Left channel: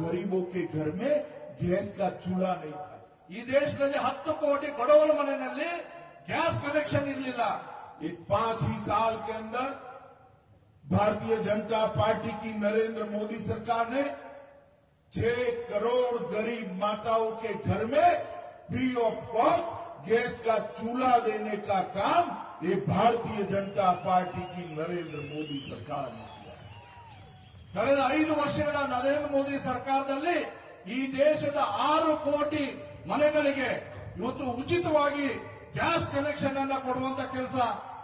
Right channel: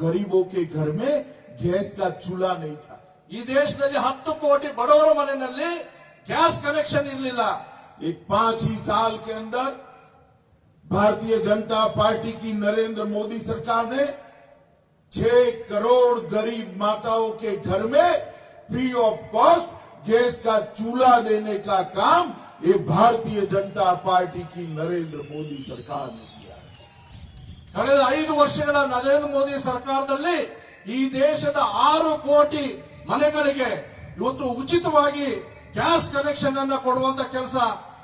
गरीबों के घर में गैस का चूल्हा नहीं था। ಈ ದೇಶದಲ್ಲಿ 10 ಕೋಟಿ ಬಡವರ ಮನೆಯಲ್ಲಿ ಗ್ಯಾಸ್ ಕನೆಕ್ಷನ್ ಇರಲಿಲ್ಲ। एक 5 ही साल के अंदर भारतीय जनता पार्टी की नरेंद्र मोदी सरकार ने 6 करोड़ गरीब माताओं के घर में फ्री ऑफ कॉस्ट गैस का चूल्हा देने का काम ये भारतीय जनता पार्टी की नरेंद्र मोदी सरकार ने किया है। ಕಳೆದ 5 ವರ್ಷಗಳ ನರೇಂದ್ರ ಮೋದಿ ಸರ್ಕಾರದಲ್ಲಿ ಈ ದೇಶದ 6 ಕೋಟಿ ಮನೆಗಳಿಗೆ ಇವತ್ತು ಉಚಿತವಾಗಿ ಗ್ಯಾಸ್ ಕನೆಕ್ಷನ್ ಅನ್ನು ಕೊಡುವಂತ ಕೆಲಸ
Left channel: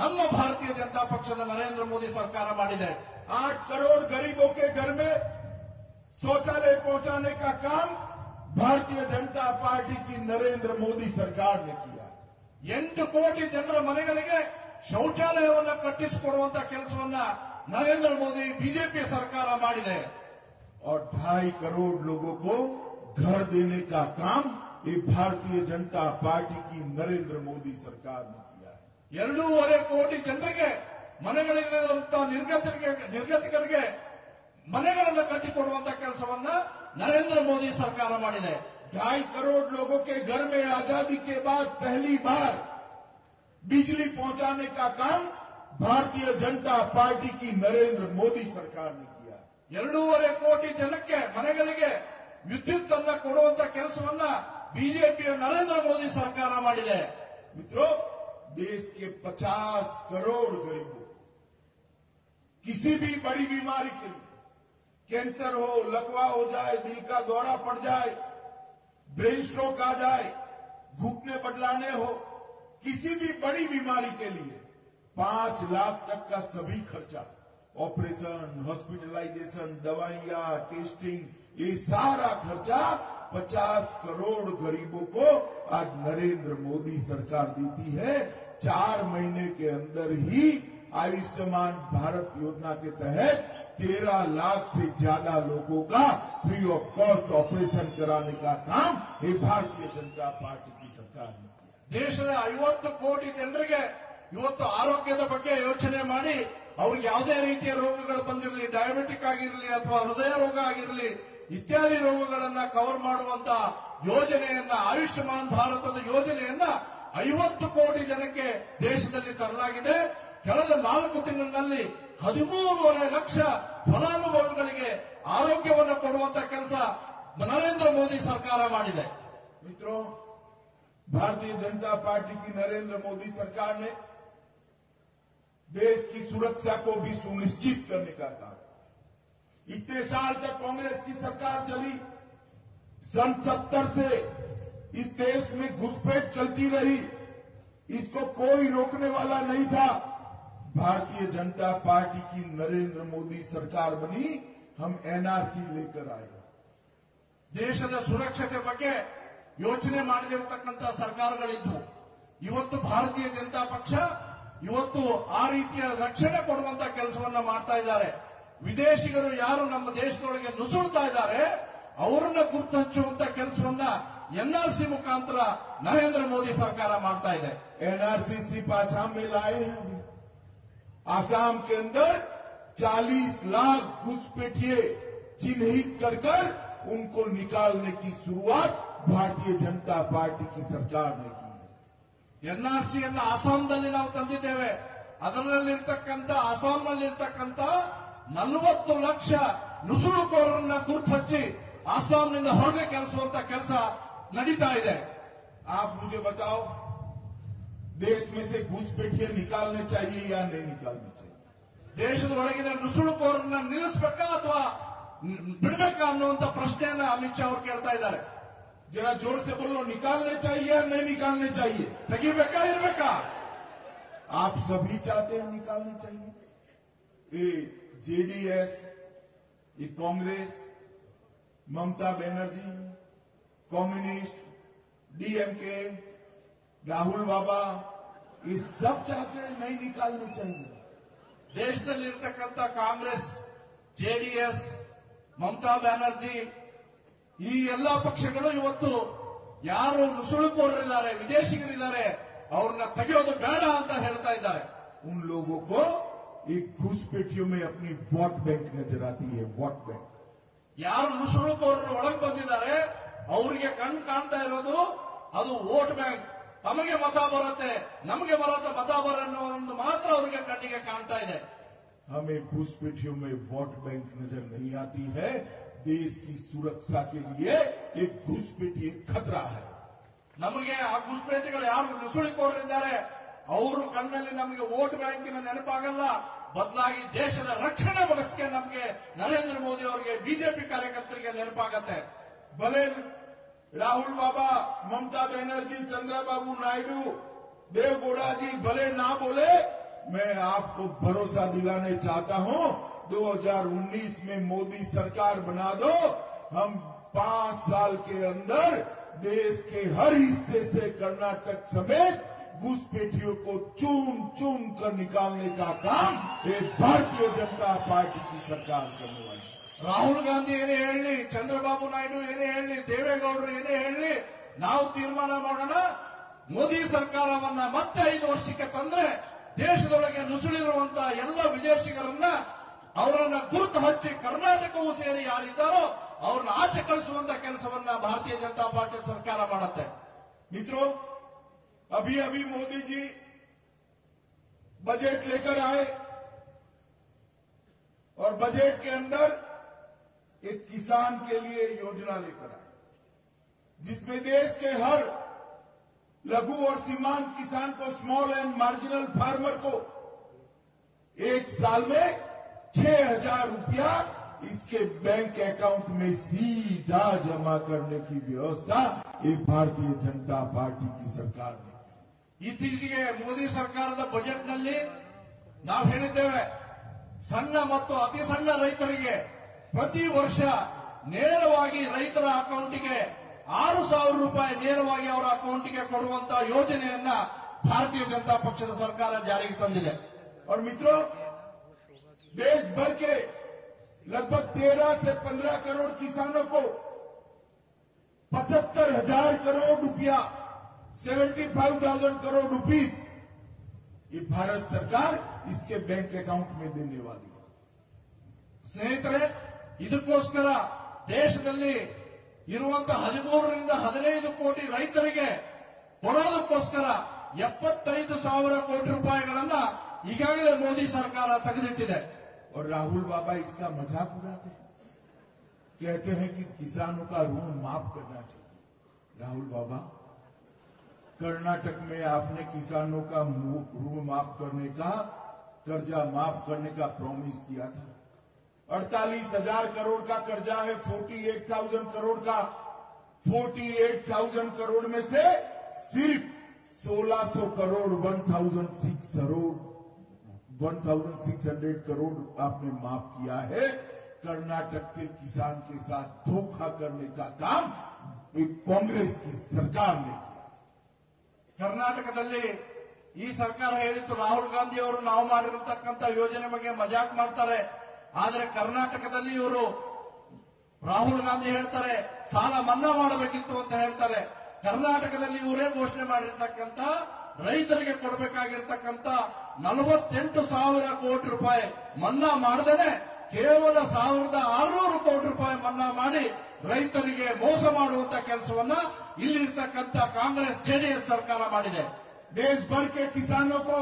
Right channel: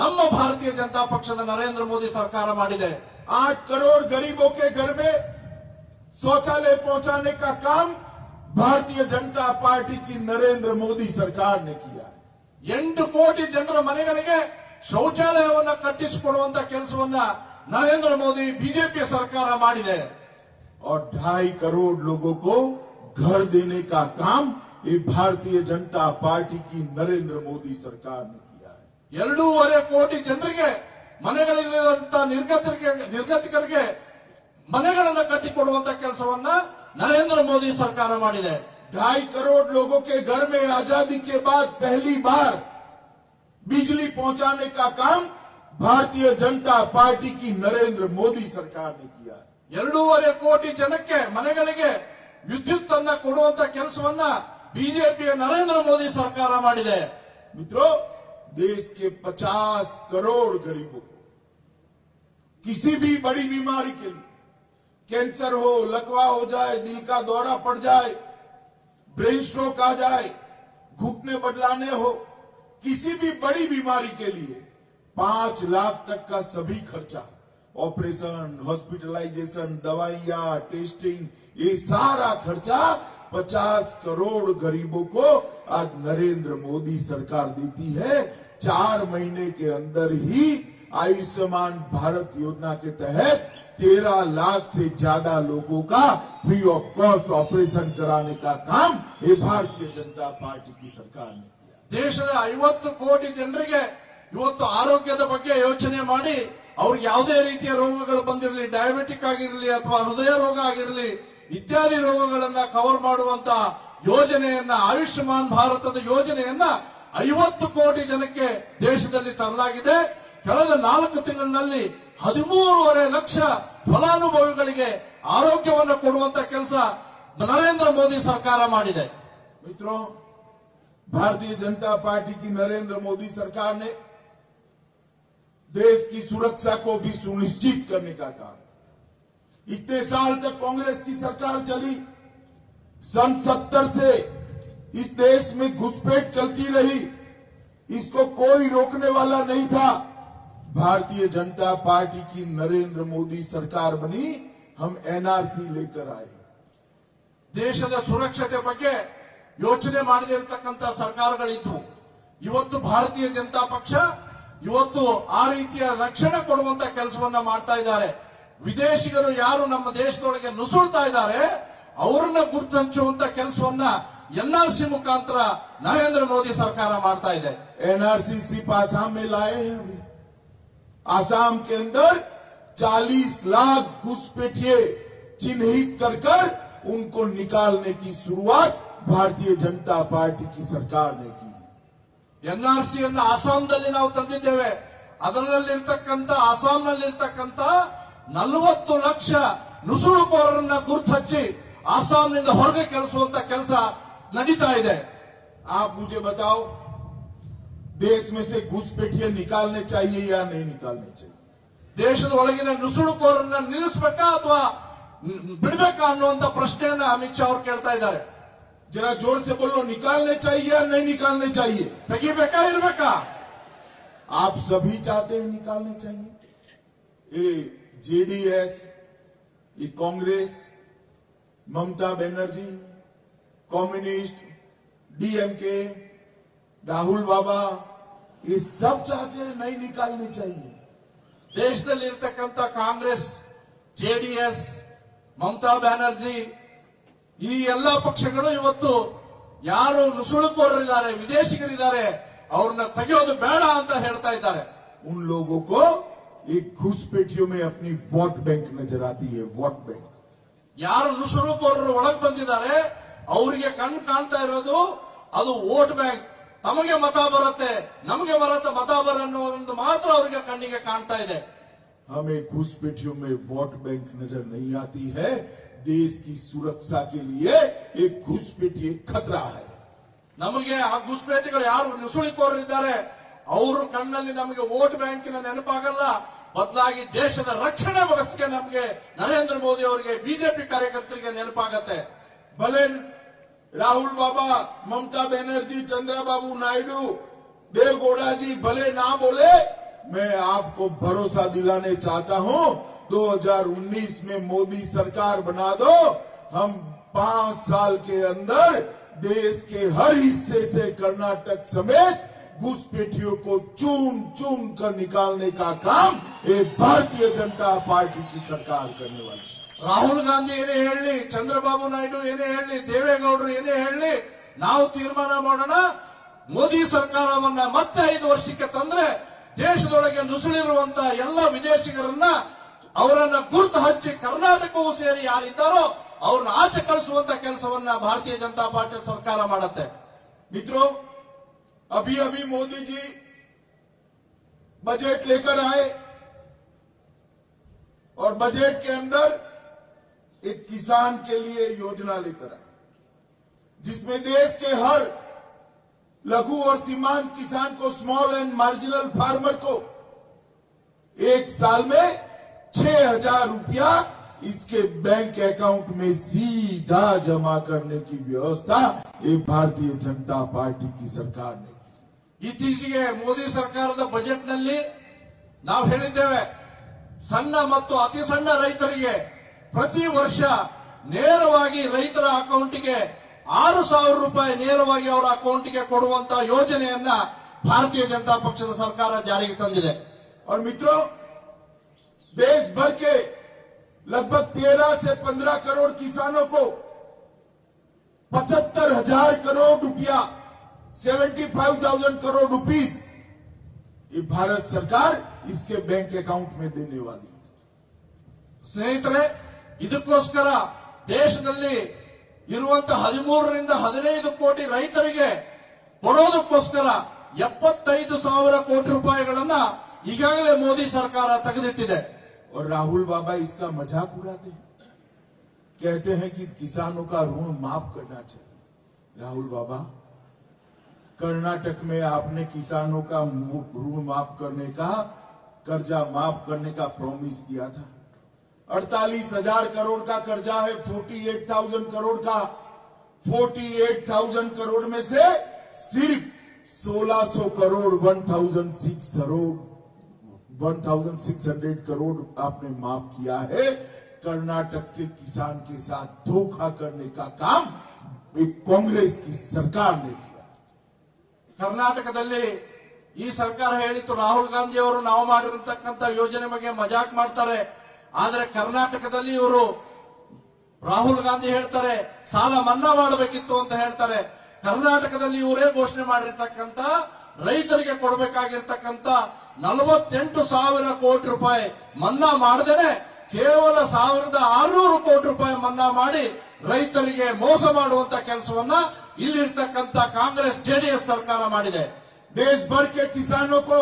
ನಮ್ಮ ಭಾರತೀಯ ಜನತಾ ಪಕ್ಷದ ನರೇಂದ್ರ ಮೋದಿ ಸರ್ಕಾರ ಮಾಡಿದೆ। 8 करोड़ गरीबों के घर में शौचालय पहुंचाने का काम भारतीय जनता पार्टी की नरेंद्र मोदी सरकार ने किया। 8 ಕೋಟಿ ಜನರ ಮನೆಗಳಿಗೆ ಶೌಚಾಲಯವನ್ನು ಕಟ್ಟಿಸಿಕೊಡುವಂತ ಕೆಲಸವನ್ನ ನರೇಂದ್ರ ಮೋದಿ ಬಿಜೆಪಿ ಸರ್ಕಾರ ಮಾಡಿದೆ। और 2.5 करोड़ लोगों को घर देने का काम ये भारतीय जनता पार्टी की नरेंद्र मोदी सरकार ने किया है। 2.5 ಕೋಟಿ ಜನರಿಗೆ ಮನೆಗಳಿರುವಂತ ನಿರ್ಗತಿಕರಿಗೆ ಮನೆಗಳನ್ನು ಕಟ್ಟಿಕೊಡುವಂತ ಕೆಲಸವನ್ನ ನರೇಂದ್ರ ಮೋದಿ ಸರ್ಕಾರ ಮಾಡಿದೆ। 2.5 करोड़ लोगों के घर में आजादी के बाद पहली बार बिजली पहुंचाने का काम भारतीय जनता पार्टी की नरेंद्र मोदी सरकार ने किया है। 2.5 ಕೋಟಿ ಜನಕ್ಕೆ ಮನೆಗಳಿಗೆ ವಿದ್ಯುತ್ ಅನ್ನ ಕೊಡುವಂತ ಕೆಲಸವನ್ನ ಬಿಜೆಪಿಯ ನರೇಂದ್ರ ಮೋದಿ ಸರ್ಕಾರ ಮಾಡಿದೆ। मित्रों, देश के 50 करोड़ गरीबों को किसी भी बड़ी बीमारी के लिए, कैंसर हो, लकवा हो जाए, दिल का दौरा पड़ जाए, ब्रेन स्ट्रोक आ जाए, घुटने बदलाने हो, किसी भी बड़ी बीमारी के लिए 5 लाख तक का सभी खर्चा, ऑपरेशन, हॉस्पिटलाइजेशन, दवाइयां, टेस्टिंग, ये सारा खर्चा 50 करोड़ गरीबों को आज नरेंद्र मोदी सरकार देती है। 4 महीने के अंदर ही आयुष्मान भारत योजना के तहत 13 लाख से ज्यादा लोगों का फ्री ऑफ कॉस्ट ऑपरेशन कराने का काम ये भारतीय जनता पार्टी की सरकार ने किया। ದೇಶದ 50 ಕೋಟಿ ಜನರಿಗೆ ಇವತ್ತು ಆರೋಗ್ಯದ ಬಗ್ಗೆ ಯೋಚನೆ ಮಾಡಿ ಅವ್ರಿಗೆ ಯಾವುದೇ ರೀತಿಯ ರೋಗಗಳು ಬಂದಿರಲಿ, ಡಯಾಬಿಟಿಕ್ ಆಗಿರಲಿ ಅಥವಾ ಹೃದಯ ರೋಗ ಆಗಿರಲಿ ಇತ್ಯಾದಿ ರೋಗಗಳನ್ನ ಕವರ್ ಮಾಡುವಂತ ಯೋಜನೆಯನ್ನ, ಆಯುಷ್ಮಾನ್ ಭಾರತದ ಯೋಜನೆಯನ್ನ 50 ಕೋಟಿ ಜನಕ್ಕೆ ದೇಶದಲ್ಲಿ ತರಲಾಗಿದೆ। ಕಳೆದ 4 ತಿಂಗಳಿನಲ್ಲಿ 13.5 ಲಕ್ಷ ಫಲಾನುಭವಿಗಳಿಗೆ ಆರೋಗ್ಯವನ್ನು ಕೊಡುವಂತ ಕೆಲಸ ನರೇಂದ್ರ ಮೋದಿ ಸರ್ಕಾರ ಮಾಡಿದೆ। मित्रों, भारतीय जनता पार्टी की नरेंद्र मोदी सरकार ने देश की सुरक्षा को भी सुनिश्चित करने का काम। इतने साल तक कांग्रेस की सरकार चली, सन 70 से इस देश में घुसपैठ चलती रही, इसको कोई रोकने वाला नहीं था। भारतीय जनता पार्टी की नरेंद्र मोदी सरकार बनी, हम एनआरसी लेकर आए। ದೇಶದ ಸುರಕ್ಷತೆ ಬಗ್ಗೆ ಯೋಚನೆ ಮಾಡದಿರತಕ್ಕಂತ ಸರ್ಕಾರಗಳಿದ್ವು। ಇವತ್ತು ಭಾರತೀಯ ಜನತಾ ಪಕ್ಷ ಇವತ್ತು ಆ ರೀತಿಯ ರಕ್ಷಣೆ ಕೊಡುವಂತ ಕೆಲಸವನ್ನ ಮಾಡ್ತಾ ಇದ್ದಾರೆ। ವಿದೇಶಿಗರು ಯಾರು ನಮ್ಮ ದೇಶದೊಳಗೆ ನುಸುಳ್ತಾ ಇದ್ದಾರೆ ಅವರನ್ನ ಗುರ್ತು ಹಚ್ಚುವಂತ ಕೆಲಸವನ್ನ ಎನ್ಆರ್ಸಿ ಮುಖಾಂತರ ನರೇಂದ್ರ ಮೋದಿ ಸರ್ಕಾರ ಮಾಡ್ತಾ ಇದೆ। एनआरसी सिर्फ आसाम में लाए हैं। अभी आसाम के अंदर 40 लाख घुसपैठिए चिन्हित कर उनको निकालने की शुरुआत भारतीय जनता पार्टी की सरकार ने की। ಎನ್ಆರ್ಸಿಯನ್ನ ಆಸಾಂನಲ್ಲಿ ನಾವು ತಂದಿದ್ದೇವೆ। ಅದರಲ್ಲಿರ್ತಕ್ಕಂಥ ಆಸಾಂನಲ್ಲಿರ್ತಕ್ಕಂಥ 40 ಲಕ್ಷ ನುಸುಳುಕೋರರನ್ನ ಗುರ್ತು ಹಚ್ಚಿ ಆಸಾಂನಿಂದ ಹೊರಗೆ ಕಳಿಸುವಂತ ಕೆಲಸ ನಡೀತಾ ಇದೆ। आप मुझे बताओ, देश में से घुसपैठिए निकालने चाहिए या नहीं निकालने चाहिए? ದೇಶದ ಒಳಗಿನ ನುಸುಳುಕೋರರನ್ನ ನಿಲ್ಲಿಸಬೇಕಾ ಅಥವಾ ಬಿಡಬೇಕಾ ಅನ್ನುವಂತ ಪ್ರಶ್ನೆಯನ್ನ ಅಮಿತ್ ಶಾ ಅವರು ಕೇಳ್ತಾ ಇದ್ದಾರೆ। जरा जोर से बोलो, निकालने चाहिए या नहीं निकालने चाहिए? ತೆಗಿಬೇಕಾ ಇರಬೇಕಾ? आप सभी चाहते हैं निकालने चाहिए। ये जेडीएस, ये कांग्रेस, ममता बनर्जी, कम्युनिस्ट, डीएमके, राहुल बाबा, ये सब चाहते हैं नहीं निकालने चाहिए। ದೇಶದಲ್ಲಿರ್ತಕ್ಕಂಥ ಕಾಂಗ್ರೆಸ್, ಜೆಡಿಎಸ್, ಮಮತಾ ಬ್ಯಾನರ್ಜಿ ಈ ಎಲ್ಲಾ ಪಕ್ಷಗಳು ಇವತ್ತು ಯಾರು ನುಸುಳುಕೋರರಿದ್ದಾರೆ, ವಿದೇಶಿಗರಿದ್ದಾರೆ ಅವ್ರನ್ನ ತೆಗೆಯೋದು ಬೇಡ ಅಂತ ಹೇಳ್ತಾ ಇದ್ದಾರೆ। उन लोगों को एक घुसपैठियों में अपनी वोट बैंक नजर आती है। वोट बैंक ಯಾರು ನುಸುಳುಕೋರರು ಒಳಗೆ ಬಂದಿದ್ದಾರೆ ಅವರಿಗೆ ಕಣ್ಣು ಕಾಣ್ತಾ ಇರೋದು ಅದು ವೋಟ್ ಬ್ಯಾಂಕ್. ತಮಗೆ ಮತ ಬರುತ್ತೆ, ನಮಗೆ ಮತ ಬರನ್ನೋ ಒಂದು ಮಾತ್ರ ಅವರಿಗೆ ಕಣ್ಣಿಗೆ ಕಾಣ್ತಾ ಇದೆ. हमें घुसपैठियों में वोट बैंक नजर नहीं आती है. देश की सुरक्षा के लिए एक घुसपैठी एक खतरा है. ನಮಗೆ ಆ ಘುಸ್ಪೇಟೆಗಳು ಯಾರು ನುಸುಳಿಕೋರಿದ್ದಾರೆ ಅವರು ಕಣ್ಣಲ್ಲಿ ನಮಗೆ ವೋಟ್ ಬ್ಯಾಂಕಿನ ನೆನಪಾಗಲ್ಲ, ಬದಲಾಗಿ ದೇಶದ ರಕ್ಷಣೆ ಬಗೆಗೆ ನಮಗೆ ನರೇಂದ್ರ ಮೋದಿ ಅವರಿಗೆ ಬಿಜೆಪಿ ಕಾರ್ಯಕರ್ತರಿಗೆ ನೆನಪಾಗತ್ತೆ. भले राहुल बाबा, ममता बनर्जी, चंद्रबाबू नायडू, देवगौड़ा जी भले ना बोले, मैं आपको भरोसा दिलाने चाहता हूं 2019 में मोदी सरकार बना दो. हम 5 साल के अंदर देश के हर हिस्से से कर्नाटक समेत घुसपैठियों को चुन चुन कर निकालने का काम ये भारतीय जनता पार्टी की सरकार करने वाली. ರಾಹುಲ್ ಗಾಂಧಿ ಏನೇ ಹೇಳಲಿ, ಚಂದ್ರಬಾಬು ನಾಯ್ಡು ಏನೇ ಹೇಳಲಿ, ದೇವೇಗೌಡರು ಏನೇ ಹೇಳಲಿ, ನಾವು ತೀರ್ಮಾನ ಮಾಡೋಣ. ಮೋದಿ ಸರ್ಕಾರವನ್ನ ಮತ್ತೆ 5 ವರ್ಷಕ್ಕೆ ತಂದ್ರೆ ದೇಶದೊಳಗೆ ನುಸುಳಿರುವಂತ ಎಲ್ಲ ವಿದೇಶಿಗರನ್ನ ಅವರನ್ನ ಗುರುತು ಹಚ್ಚಿ ಕರ್ನಾಟಕವೂ ಸೇರಿ ಯಾರಿದ್ದಾರೋ ಅವ್ರನ್ನ ಆಚೆ ಕಳಿಸುವಂತ ಕೆಲಸವನ್ನ ಭಾರತೀಯ ಜನತಾ ಪಾರ್ಟಿ ಸರ್ಕಾರ ಮಾಡುತ್ತೆ. मित्रों, अभी अभी मोदी जी बजट लेकर आए और बजट के अंदर एक किसान के लिए योजना लेकर आए, जिसमें देश के हर लघु और सीमांत किसान को, स्मॉल एंड मार्जिनल फार्मर को 1 साल में 6,000 रुपया इसके बैंक अकाउंट में सीधा जमा करने की व्यवस्था ये भारतीय जनता पार्टी की सरकार ने. ಇತ್ತೀಚೆಗೆ ಮೋದಿ ಸರ್ಕಾರದ ಬಜೆಟ್ ನಲ್ಲಿ ನಾವು ಹೇಳಿದ್ದೇವೆ, ಸಣ್ಣ ಮತ್ತು ಅತಿ ಸಣ್ಣ ರೈತರಿಗೆ ಪ್ರತಿ ವರ್ಷ ನೇರವಾಗಿ ರೈತರ ಅಕೌಂಟ್ಗೆ 6,000 ರೂಪಾಯಿ ನೇರವಾಗಿ ಅವರ ಅಕೌಂಟ್ಗೆ ಕೊಡುವಂತ ಯೋಜನೆಯನ್ನ ಭಾರತೀಯ ಜನತಾ ಪಕ್ಷದ ಸರ್ಕಾರ ಜಾರಿಗೆ ತಂದಿದೆ. और मित्रों, देश भर के लगभग 13 से 15 करोड़ किसानों को 75,000 करोड़ रुपया, 75,000 करोड़ रुपीस ये भारत सरकार इसके बैंक अकाउंट में देने वाली है. ಸ್ನೇಹಿತರೆ, ಇದಕ್ಕೋಸ್ಕರ ದೇಶದಲ್ಲಿ ಇರುವಂತ 13ರಿಂದ 15 ಕೋಟಿ ರೈತರಿಗೆ ಕೊಡೋದಕ್ಕೋಸ್ಕರ 75,000 ಕೋಟಿ ರೂಪಾಯಿಗಳನ್ನ ಈಗಾಗಲೇ ಮೋದಿ ಸರ್ಕಾರ ತೆಗೆದಿಟ್ಟಿದೆ. और राहुल बाबा इसका मजाक उड़ाते हैं, कहते हैं कि किसानों का ऋण माफ करना चाहिए. राहुल बाबा, कर्नाटक में आपने किसानों का ऋण माफ करने का, कर्जा माफ करने का प्रॉमिस किया था. 48,000 करोड़ का कर्जा है, 48,000 करोड़ का. 48,000 करोड़ में से सिर्फ 1,600 करोड़ 1,600 करोड़ आपने माफ किया है. कर्नाटक के किसान के साथ धोखा करने का काम एक कांग्रेस की सरकार ने किया. ಕರ್ನಾಟಕದಲ್ಲಿ ಈ ಸರ್ಕಾರ ಹೇಳಿತ್ತು, ರಾಹುಲ್ ಗಾಂಧಿ ಅವರು ನಾವು ಮಾಡಿರತಕ್ಕಂತ ಯೋಜನೆ ಬಗ್ಗೆ ಮಜಾಕ್ ಮಾಡ್ತಾರೆ. ಆದ್ರೆ ಕರ್ನಾಟಕದಲ್ಲಿ ಇವರು ರಾಹುಲ್ ಗಾಂಧಿ ಹೇಳ್ತಾರೆ ಸಾಲ ಮನ್ನಾ ಮಾಡಬೇಕಿತ್ತು ಅಂತ ಹೇಳ್ತಾರೆ. ಕರ್ನಾಟಕದಲ್ಲಿ ಇವರೇ ಘೋಷಣೆ ಮಾಡಿರ್ತಕ್ಕಂತ ರೈತರಿಗೆ ಕೊಡಬೇಕಾಗಿರ್ತಕ್ಕಂತ 48,000 ಕೋಟಿ ರೂಪಾಯಿ ಮನ್ನಾ ಮಾಡದೇನೆ ಕೇವಲ 1,600 ಕೋಟಿ ರೂಪಾಯಿ ಮನ್ನಾ ಮಾಡಿ ರೈತರಿಗೆ ಮೋಸ ಮಾಡುವಂತ ಕೆಲಸವನ್ನ ಇಲ್ಲಿರ್ತಕ್ಕಂತ ಕಾಂಗ್ರೆಸ್ ಜೆಡಿಎಸ್ ಸರ್ಕಾರ ಮಾಡಿದೆ. देश भर के किसानों को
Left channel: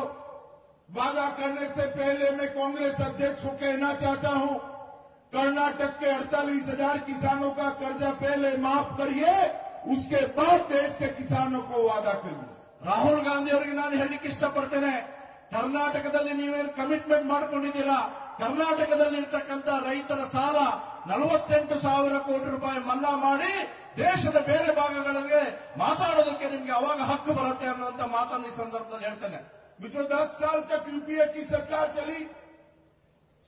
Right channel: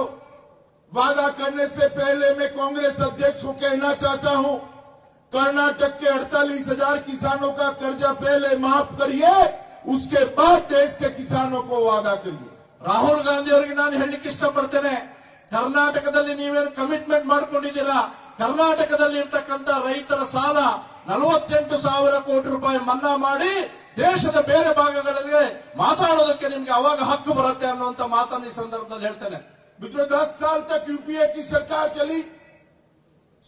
वादा करने से पहले मैं कांग्रेस अध्यक्ष को कहना चाहता हूं, कर्नाटक के 48,000 किसानों का कर्जा पहले माफ करिए, उसके बाद देश के किसानों को वादा करिए. ರಾಹುಲ್ ಗಾಂಧಿ ಅವರಿಗೆ ನಾನು ಹೇಳಲಿಕ್ಕೆ ಇಷ್ಟಪಡ್ತೇನೆ, ಕರ್ನಾಟಕದಲ್ಲಿ ನೀವೇನು ಕಮಿಟ್ಮೆಂಟ್ ಮಾಡ್ಕೊಂಡಿದ್ದೀರಾ, ಕರ್ನಾಟಕದಲ್ಲಿ ಇರ್ತಕ್ಕಂತ ರೈತರ ಸಾಲ 48,000 ಕೋಟಿ ರೂಪಾಯಿ ಮನ್ನಾ ಮಾಡಿ ದೇಶದ ಬೇರೆ ಭಾಗಗಳಲ್ಲಿ ಮಾತಾಡೋದಕ್ಕೆ ನಿಮ್ಗೆ ಅವಾಗ ಹಕ್ಕು ಬರುತ್ತೆ ಅನ್ನುವಂತ ಮಾತನ್ನು ಈ ಸಂದರ್ಭದಲ್ಲಿ ಹೇಳ್ತೇನೆ. मित्रों, 10 साल तक यूपीए की सरकार चली,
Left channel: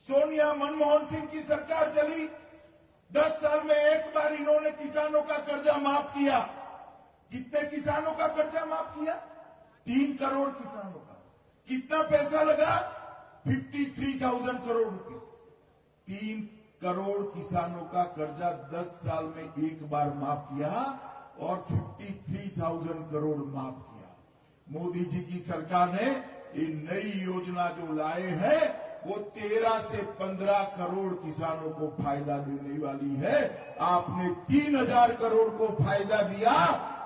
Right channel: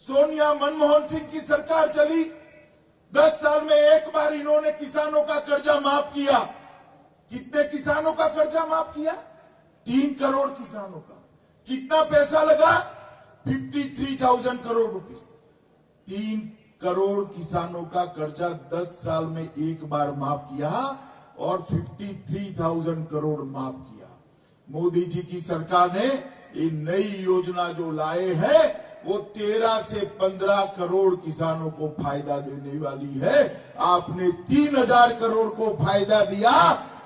सोनिया मनमोहन सिंह की सरकार चली. 10 साल में एक बार इन्होंने किसानों का कर्जा माफ किया. कितने किसानों का कर्जा माफ किया? 3 करोड़ किसानों का. कितना पैसा लगा? 53,000 करोड़ रुपए. 3 करोड़ किसानों का कर्जा 10 साल में एक बार माफ किया और 53,000 करोड़ माफ किया. मोदी जी की सरकार ने ये नई योजना जो लाए हैं, वो 13 से 15 करोड़ किसानों को फायदा देने वाली है। आपने 3000 करोड़ को फायदा दिया,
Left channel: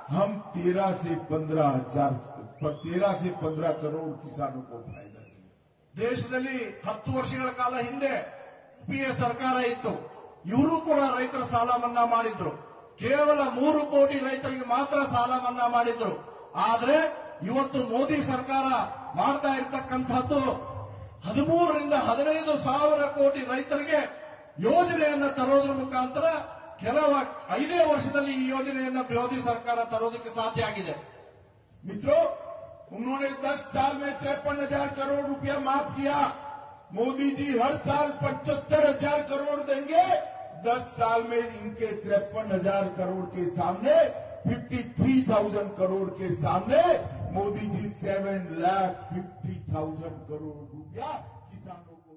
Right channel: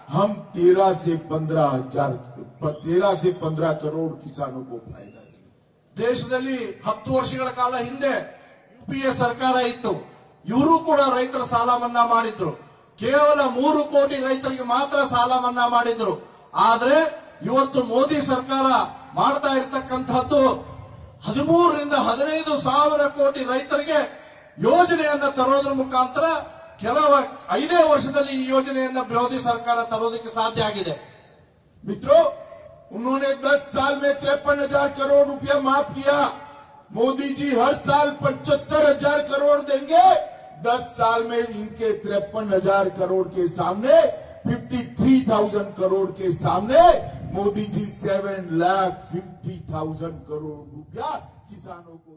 हम 13 से 15 करोड़ किसानों को फायदा दिया। ದೇಶದಲ್ಲಿ 10 ವರ್ಷಗಳ ಕಾಲ ಹಿಂದೆ ಯುಪಿಎ ಸರ್ಕಾರ ಇತ್ತು. ಇವರು ಕೂಡ ರೈತರ ಸಾಲ ಮನ್ನಾ ಮಾಡಿದ್ರು. ಕೇವಲ 3 ಕೋಟಿ ರೈತರಿಗೆ ಮಾತ್ರ ಸಾಲ ಮನ್ನಾ ಮಾಡಿದ್ರು. ಆದ್ರೆ ಇವತ್ತು ಮೋದಿ ಸರ್ಕಾರ ಮಾಡ್ತಾ ಇರತಕ್ಕಂತಹದ್ದು 13 ರಿಂದ 15 ಸಾವಿರ ಕೋಟಿ ರೈತರಿಗೆ ಯೋಜನೆಯನ್ನ ತರೋದ್ರ ಮುಖಾಂತರ ಕೆಲವ 5 ವರ್ಷದಲ್ಲಿ ಈ ಯೋಜನೆಯನ್ನ ಮೋದಿ ಸರ್ಕಾರ ತರೋದಕ್ಕೆ ಸಾಧ್ಯ ಆಗಿದೆ. मित्रों, उन्होंने 10 साल में 53,000 करोड़ रुपया माफ किया। मोदी जी हर साल 75,000 करोड़ देंगे। 10 साल में इनके 53,000 करोड़ के सामने 53,000 करोड़ के सामने मोदी जी 7,50,000 करोड़ रुपया किसानों को